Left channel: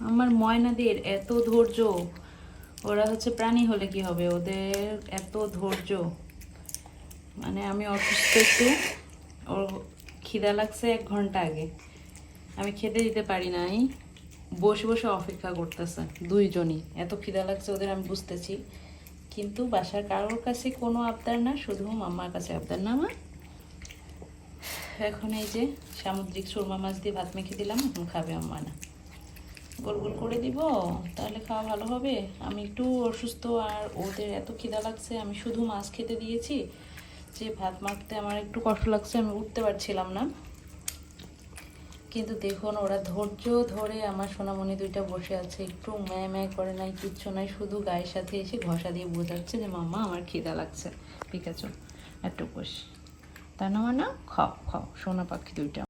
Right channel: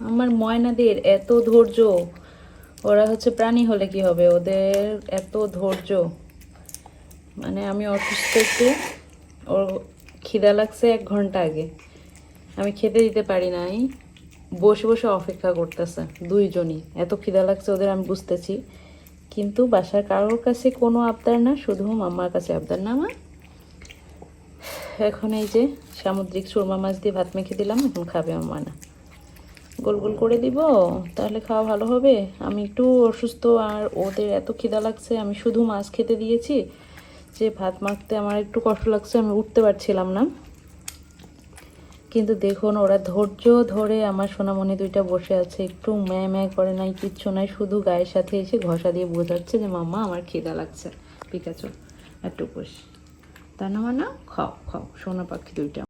আমার ময়নাদের এত ধৈর্য, ওরা হচ্ছে প্রাণী হলে কি হবে, ওদের এত ধৈর্য। মানে আমি অসুস্থ একটু, ওর খিদা লাগছে 1 ঘন্টা আগে, আমি খেতে দিতে পারি নাই, বসে বসে অপেক্ষা করতেছে দুইজনই। এত খিদা লাগছে ওদের আমি বুঝতেছি, কিন্তু বাসার কারোর কাছে কোনো আবদার না, শুধু মাম্মার কাছে আবদার। না মা, এখন এই যে সামুদ্রিক সুরমা মাছ দিয়ে ভাত মেখে দিলাম, এখন খাবে আম্মা। না গোল গোল করে দিব, তাহলে খাওয়া ভালো হবে। আমি একটু অসুস্থ আর ওদের এত খিদা লাগছে, আমি শুধু মাছ খেতে দিয়েছি, যে ভাত মাখতে আমার একটু কষ্ট লাগছে, আমি উঠতে পারছিলাম না। কিন্তু দেখুন ওরা ধৈর্য ধরে আমার সোনামণি দুইটা বসে আছে, একটু ম্যায় ম্যায় করে নাই, কিচ্ছু নাই, শুধু গায়ের সাথে এসে ঘষা দিয়ে বোঝাচ্ছে যে মাম্মা আমার খিদা লাগছে, পিকাচু একটু বস। তা না, না খাও খাও, সোনা পাখি দুইটা